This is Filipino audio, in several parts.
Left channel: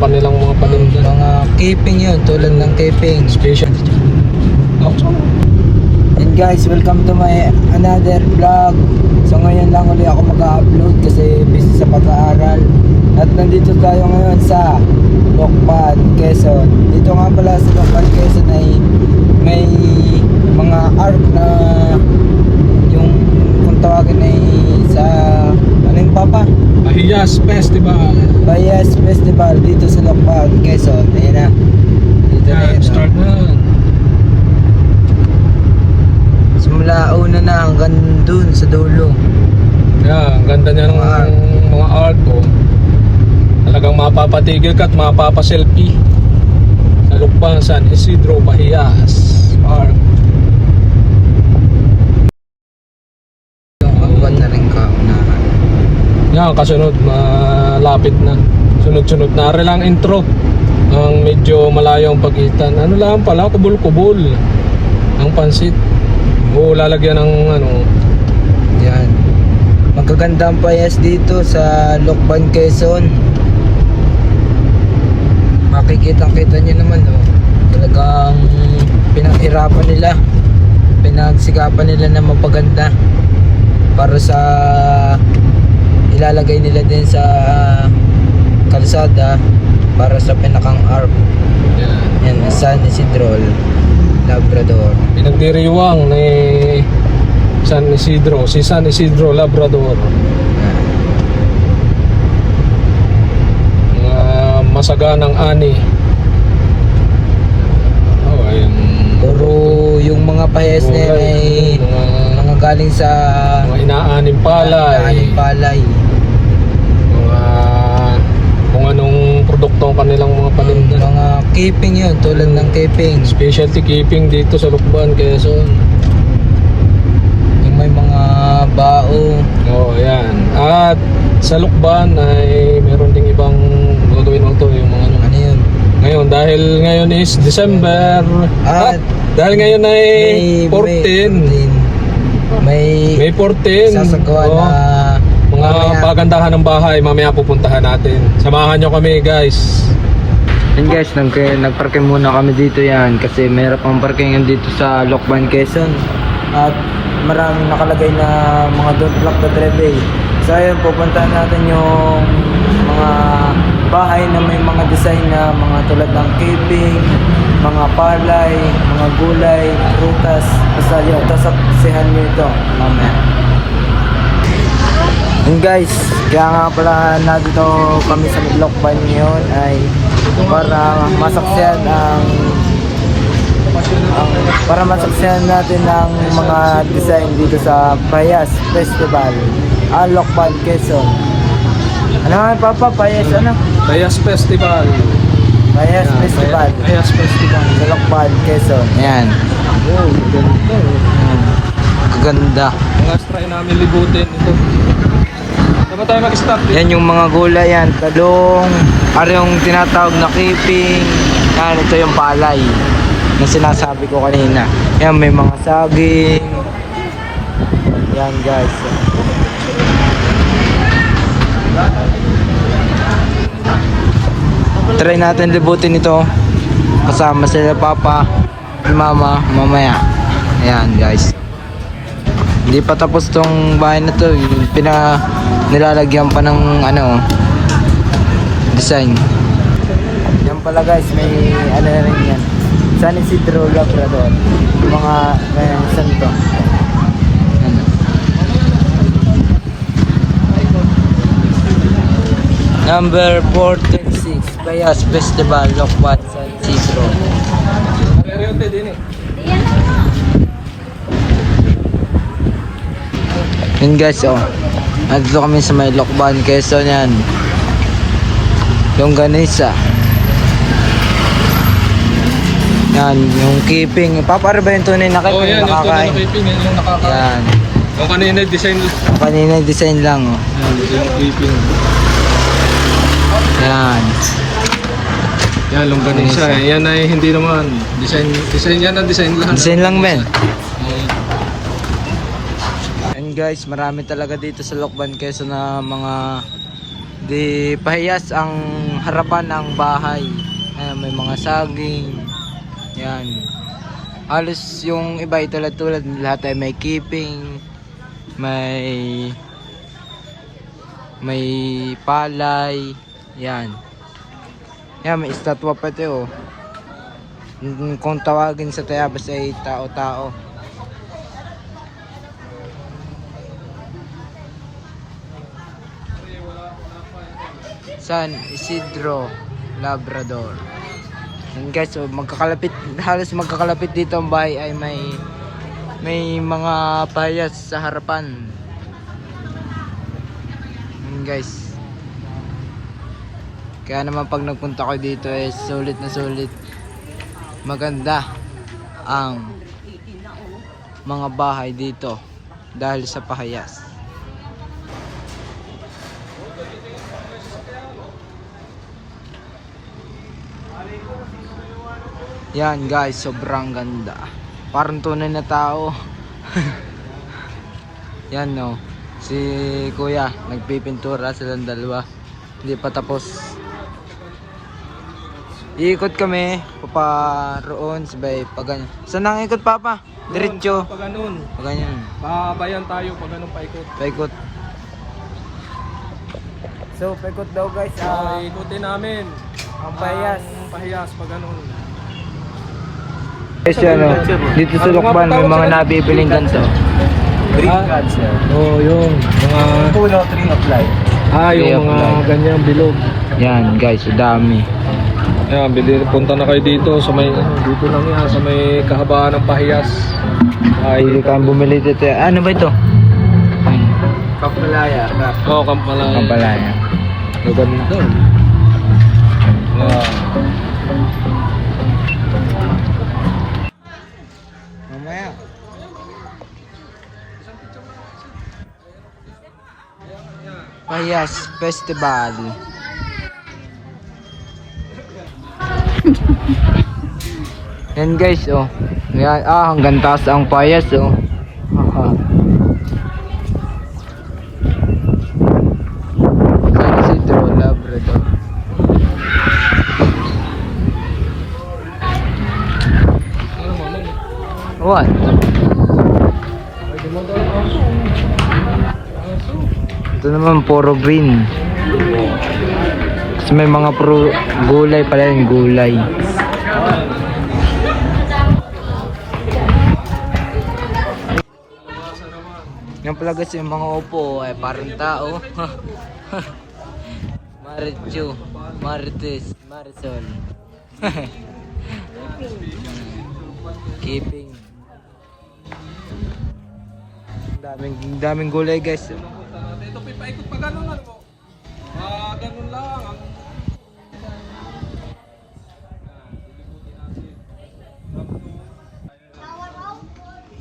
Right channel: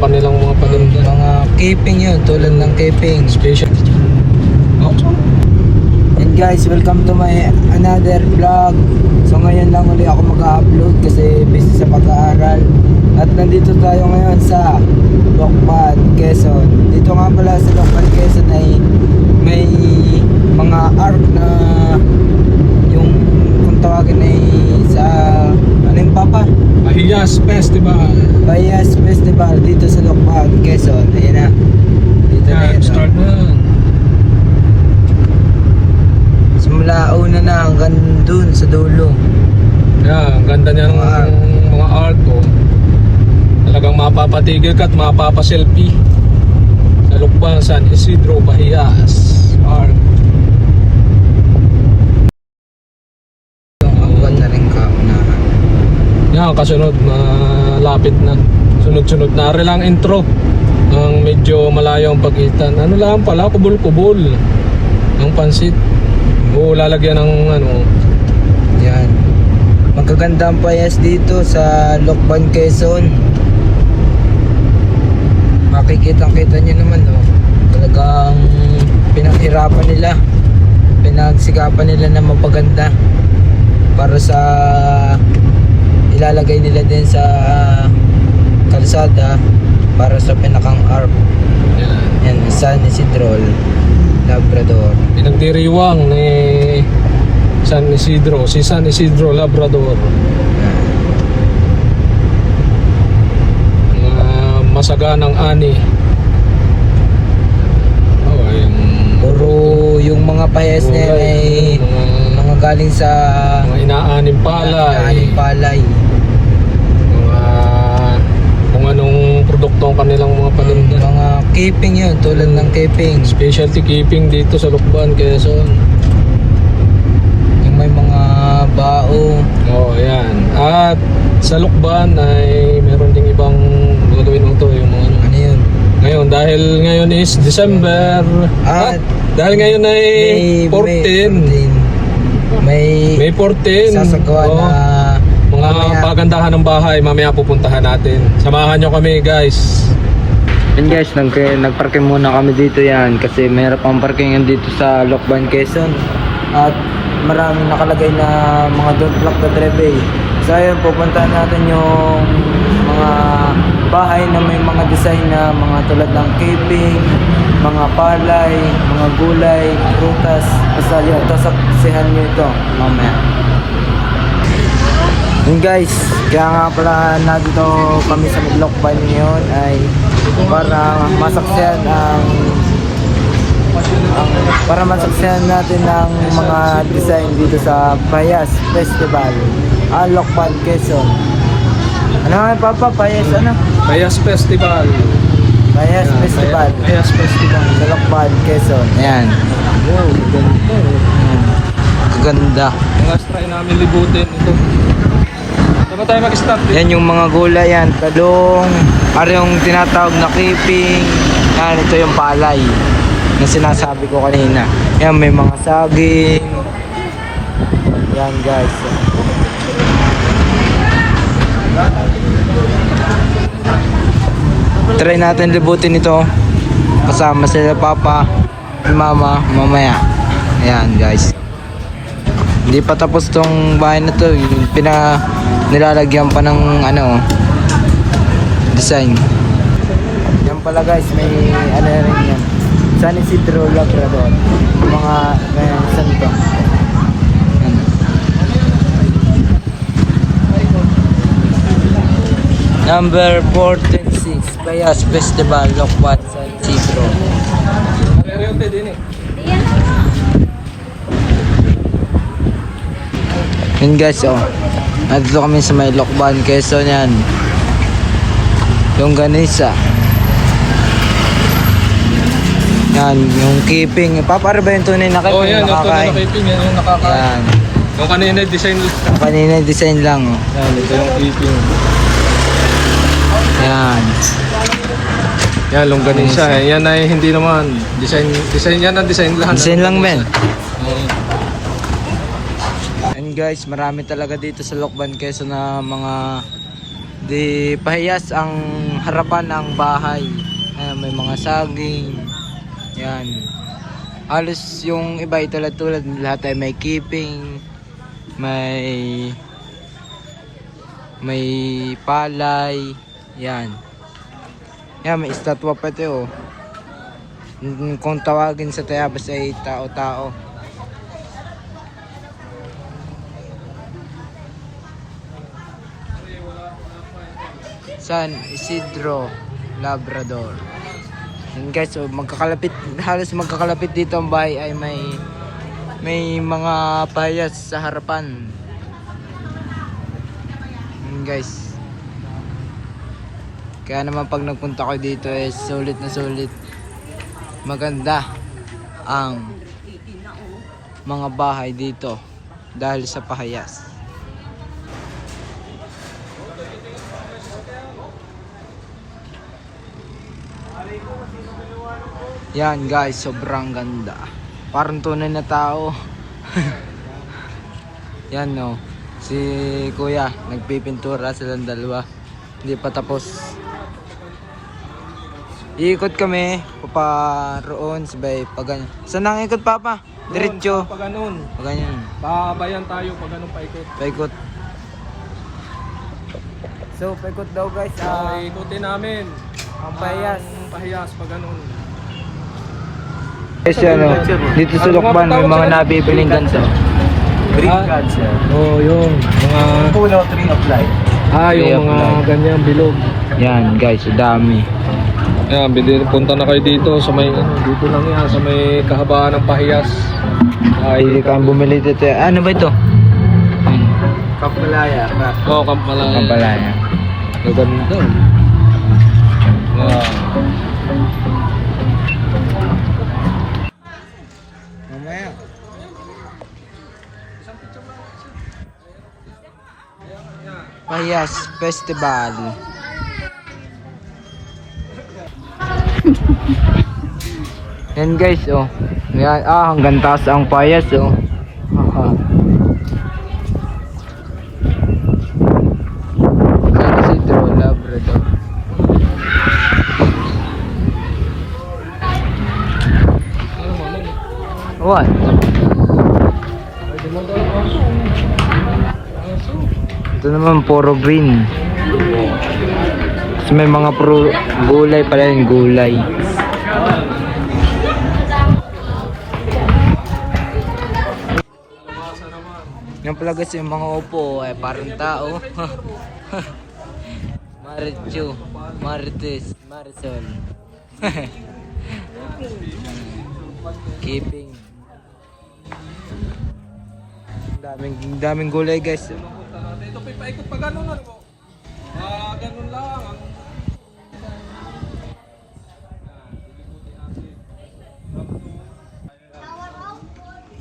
kanilang mga paninda. Mga keeping yun, tulad ng keeping. Special. And guys, welcome to my another vlog. So ngayon lang ulit ako mag-upload kasi busy sa pag-aaral. At nandito tayo ngayon sa Lokban, Quezon. Dito nga pala sa Lokban, Quezon ay may mga art na yung kung tawagin ay sa ano yung papa? Bahiyas Festival. Bahiyas Festival dito sa Lokban, Quezon. Ayan na. Dito na Yan, yun. start na. Simula una na hanggang dun sa dulo. Yan, ang ganda niya ng mga art ko. Talagang mapapatigil ka at mapapaselfie. Sa Lukban, San Isidro, Bahiyas Art. Awan na rin ka na. Yan, kasunod, malapit na. Sunod-sunod na rin lang intro. Ang medyo malayo ang pagitan. Ano lang pala, kubol-kubol. Ang pansit. O lalagyan ng ano. Yan. Magaganda ang payas dito sa Lokban, Quezon. Makikita-kita nyo naman, oh. Talagang pinaghirapan nila. Pinagsikapan nila na mapaganda. Para sa ilalagay nila din sa kalsada para sa pinakang arc. Yan. Yan, San Isidro Labrador. Pinagdiriwang ni San Isidro, si San Isidro Labrador. Masaganang ani. Oh, ayun. Puro yung mga payas na yun ay mga galing sa Mga inaaning palay. inaaning palay. Kung anong produkto ang kanilang mga paninda. Mga keeping yun, tulad ng keeping. Specialty keeping dito sa Lukban, Quezon. Yung may mga bao. Oh, ayan. At sa Lukban ay meron ding ibang gagawin mo to, yung mga ano. Ano yun? Ngayon, dahil ngayon is December. At Dahil ngayon ay 14. May May 14. sasagawa Oh, na mga mamaya. pagandahan ng bahay, mamaya pupuntahan natin. Samahan nyo kami, guys. And guys, nagparking muna kami dito yan kasi mayroon pang parkingan dito sa Lokban, Quezon. At maraming nakalagay na mga don't block the driveway. So ayun, pupuntahan natin yung mga bahay na may mga design na mga tulad ng keeping, mga palay, mga gulay, prutas. Basta yung tasaksihan nyo ito mamaya. And guys, kaya nga pala nandito kami sa Lokban ngayon ay para masaksihan para masaksihan natin ang mga design dito sa Bahiyas Festival, Lokban, Quezon. Ano nga Papa? Bahiyas ano? Bahiyas Festival. Bahiyas Festival. Bahiyas Festival. Sa Lokban, Quezon. Yan. Oh, ganito. Kaganda. Ang try namin libutin ito. Saan tayo mag-stop? Yan yung mga gulay yan. Talong. Ari yung tinatawag na keeping. Yan, ito yung palay na sinasabi ko kanina. Yan, may mga saging. Yan guys. Try natin libutin ito. Kasama sila Papa at Mama mamaya. Yan guys. Hindi pa tapos tong bahay na to. Nilalagyan pa ng ano design. Yan pala guys, may ano na rin yan. San Isidro Labrador. Mga san to. Yan. Number 46 Bahiyas Festival Lokban, San Isidro. Yan guys, oh. Nandito kami sa may Lokban, Quezon yan. Yung ganisa. Yan, yung keeping. Papare ba yung tunay na kayo? Oh, yan, yung nakakain? keeping, yung nakakain. Yan. Yung kanina design. Kanina design lang, oh. Yan, ito yung keeping. Yan. Yan, longganisa eh. Yan ay hindi naman. Design yan ang design lang. Design lang, men. And guys, marami talaga dito sa Lokban, Quezon na mga Di pahiyas ang harapan ng bahay. Ayan, may mga saging. Yan. Halos yung iba ay tulad-tulad. Lahat ay may keeping. May palay. Yan. Yan, may estatwa pa ito. Kung tawagin sa Tayabas ay tao-tao. San Isidro Labrador. And guys, so halos magkakalapit dito ang bahay ay may mga payas sa harapan. And guys, kaya naman pag nagpunta ko dito ay sulit na sulit. Maganda ang mga bahay dito dahil sa pahayas. Yan guys, sobrang ganda. Parang tunay na tao. Yan no. Si kuya, nagpipintura silang dalawa. Hindi pa tapos. Iikot kami, paparoon, sabay pag ganyan. Saan ang ikot papa? Diretso. Pag ganun. Pag ganyan. Babayan tayo pag ganun paikot. Paikot. So, paikot daw guys. Ikutin namin Ang payas. ang pahiyas pag ganun. Guys, ano, dito sa Lukban may mga nabibiling ganito. Oo, yun. Mga Puno, tree of life. yung mga ganyan, bilog. Yan guys, dami. Ayan, punta na kayo dito sa may, dito lang yan, sa may kahabaan ng pahiyas. Pili kang bumili dito. Ano ba ito? Kampalaya. Oo, Kampalaya. Kampalaya. Maganda. Ayan. Mamaya. Payas Festival. Yan guys, oh. Yan, hanggang taas ang payas, oh. Haha. San Isidro Labrador. What? Ito naman puro green. So, may mga gulay pala yung gulay. Yung pala guys yung mga upo ay parang tao. Marichu, Marites, Marisol. Keeping. Daming gulay guys. Ito paikot pa ganun ano. Ganun lang.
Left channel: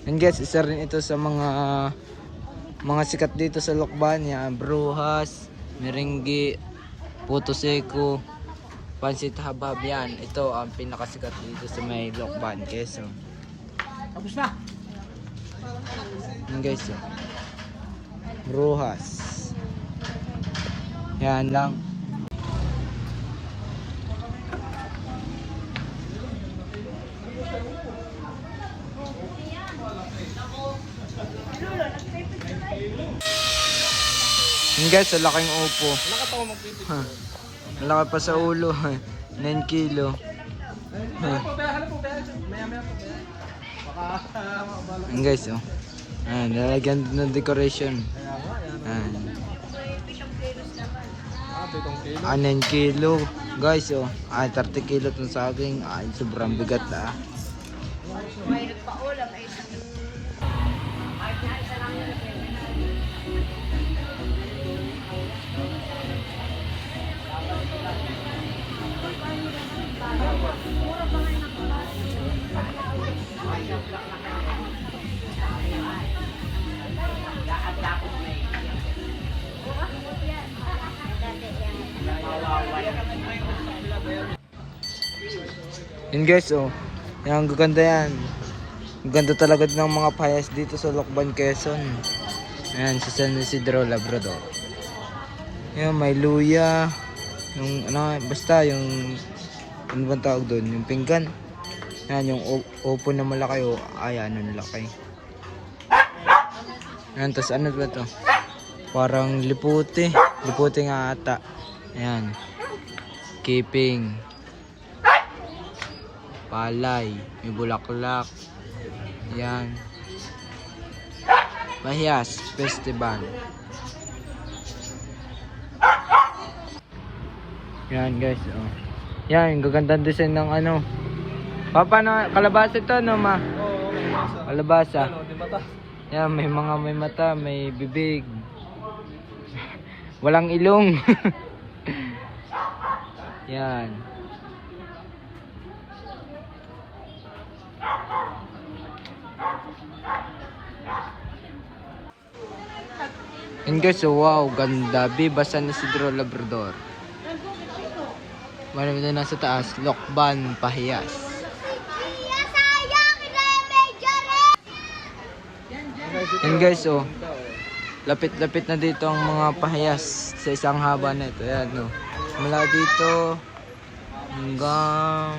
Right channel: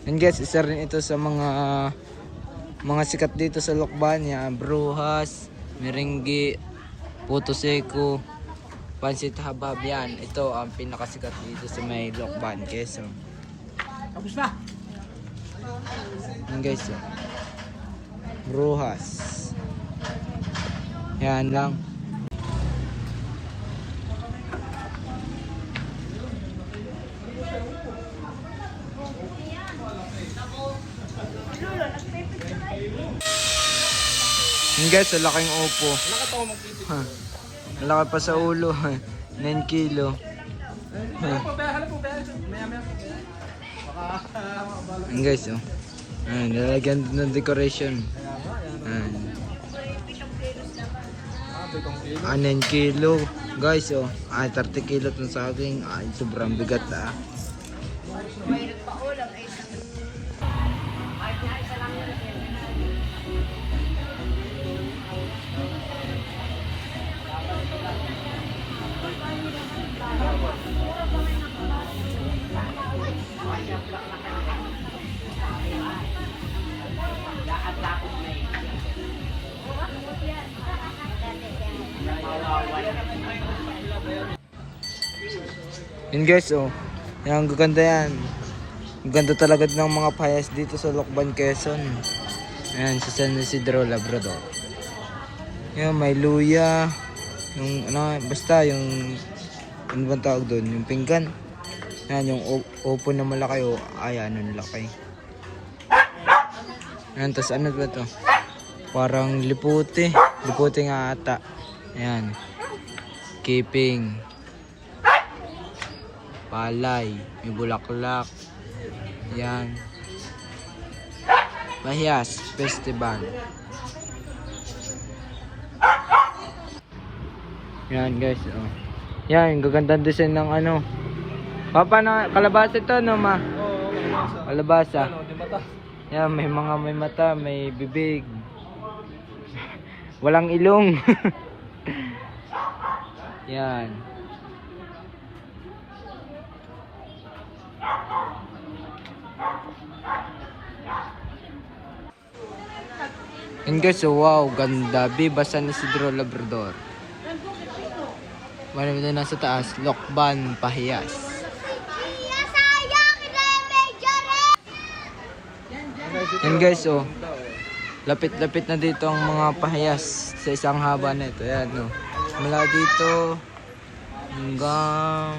And guys, isa rin ito sa mga sikat dito sa Lukban. Yan, Brujas, Merengue, Puto Seco, Pansit Habab yan. Ito ang pinakasikat dito sa may Lukban, Quezon. Tapos na. Yan guys, Brujas. Yan lang. Yan guys, ang laking upo. Malaki pa sa ulo. 9 kilo. Yan guys, oh. Nalagyan ng decoration. 9 kilo. Guys, oh. 30 kilo itong saging. Sobrang bigat, Yan guys, oh. Yan, gaganda yan. Ang ganda talaga ng mga payas dito sa Lukban, Quezon. Ayan, sa San Isidro Labrador. Yan, may luya. Yung ano, basta yung ano bang tawag doon? Yung pinggan. Yan, yung opo na malaki o ayan, ano laki. Yan, tas ano ba to? Parang liputi. Liputi nga ata. Yan. Keeping. Palay. May bulaklak. Yan. Pahiyas Festival. Yan guys. Oh. Yan, gagandang design ng ano. Papa, na kalabasa ito, no ma? Kalabasa. Yan, may mata, may bibig. Walang ilong. Yan. And guys, so wow, ganda. Bibasan ni Isidro Labrador. Marami na nasa taas, Lokban, Pahiyas. And guys, oh, lapit-lapit na dito ang mga pahiyas sa isang haba na ito. Ayan, no. Mula dito hanggang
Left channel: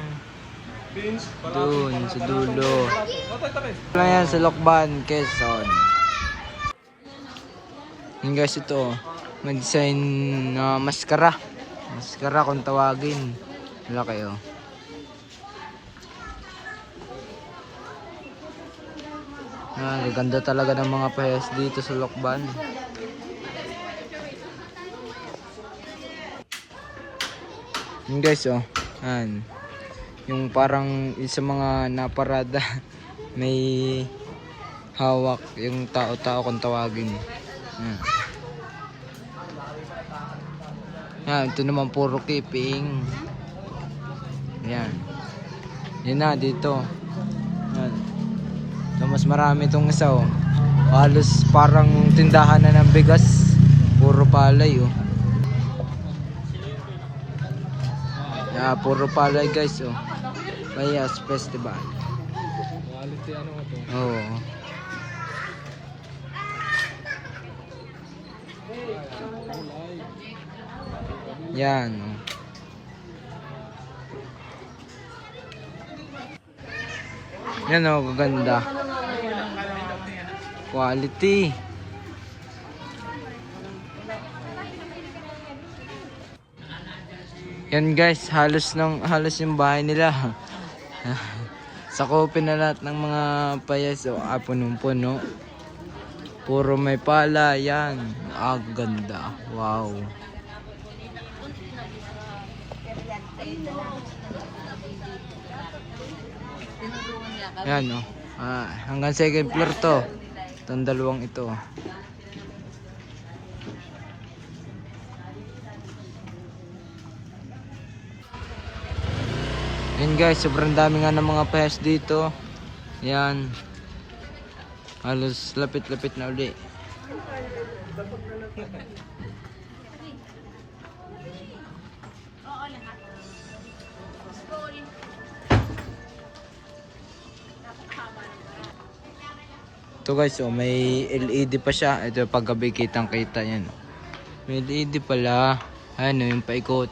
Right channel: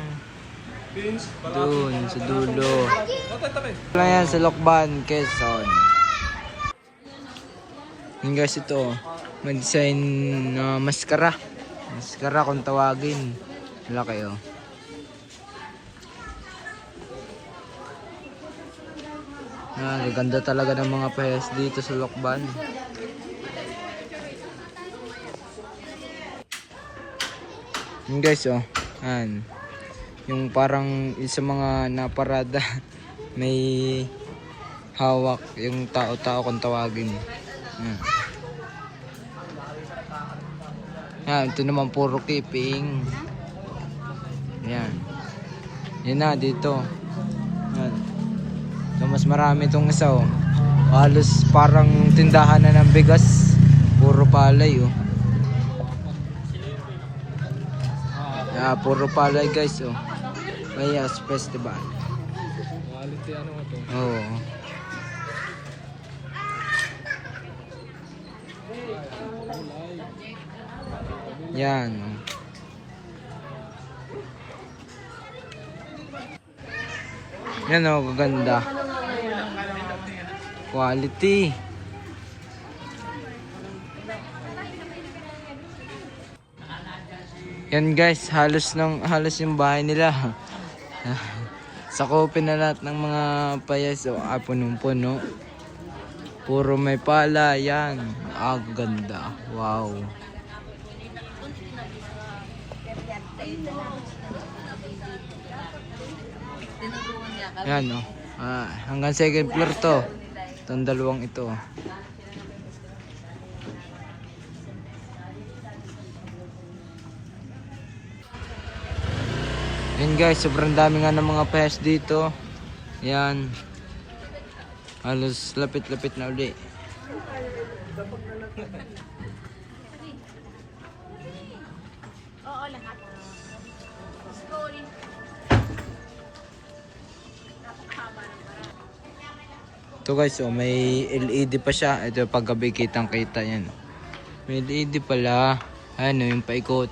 doon sa dulo. Ayan, sa Lokban, Quezon. And guys, ito, may design na maskara. Maskara kung tawagin. Wala kayo. Gaganda talaga ng mga pahiyas dito sa Lokban. Yun guys, oh. Yan. Yung parang sa mga naparada may hawak yung tao-tao kung tawagin. Yan. Yan, ito naman puro keeping. Yan. Yan na dito. Yan. So, mas marami itong isa, oh. Halos parang tindahan na ng bigas. Puro palay, oh. Yeah, puro palay guys, oh. Pahiyas Festival. Oh. Yan, oh. Yan, oh, gaganda. Quality. Yan guys, halos yung bahay nila. Sakupin na lahat ng mga payas, o punong-puno. Puro may pala, yan. Ganda. Wow. Yan, oh. Hanggang second floor to. Itong dalawang ito. Yan guys, sobrang dami nga ng mga payas dito. Yan. Halos lapit-lapit na uli. Ito guys, oh, may LED pa siya. Ito paggabi kitang-kita yan. May LED pala. Ano yung paikot.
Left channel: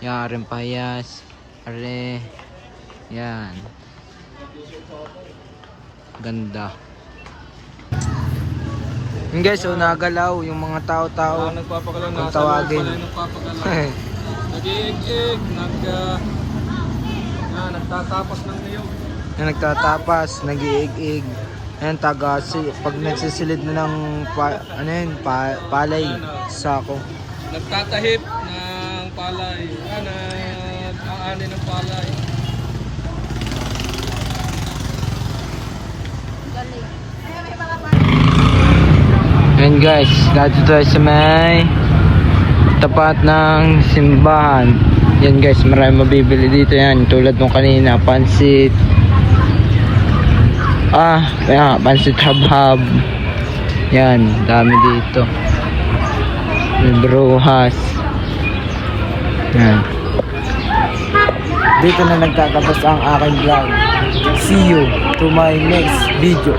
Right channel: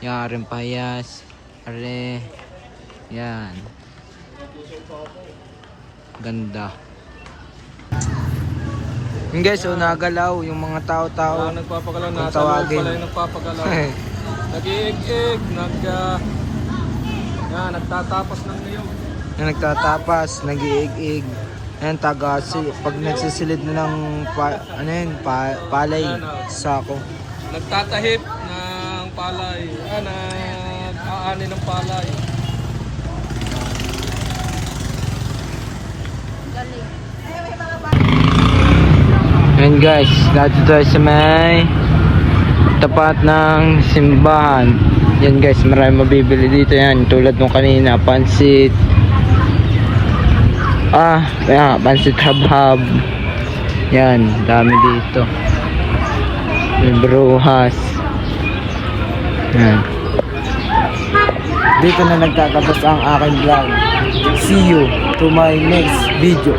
Yan rin payas. Are. Yan. Ganda. Yung guys, so nagalaw yung mga tao-tao. Kung tawagin. Nag-iig-ig. Nagtatapas ng niyo. Nagtatapas, nag-iig-ig. Ayan, pag nagsisilid na ng palay, sako. Nagtatahip ng palay. Nag-aani ng palay. Ayan guys, dito tayo sa may tapat ng simbahan. Yan guys, marami mabibili dito yan. Tulad nung kanina, pansit. Pansit hab-hab. Yan, dami dito. May brujas. Yan. Dito na nagtatapos ang aking vlog. See you to my next video.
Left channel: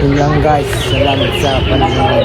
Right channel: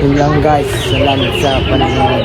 Yun lang guys, salamat sa panonood.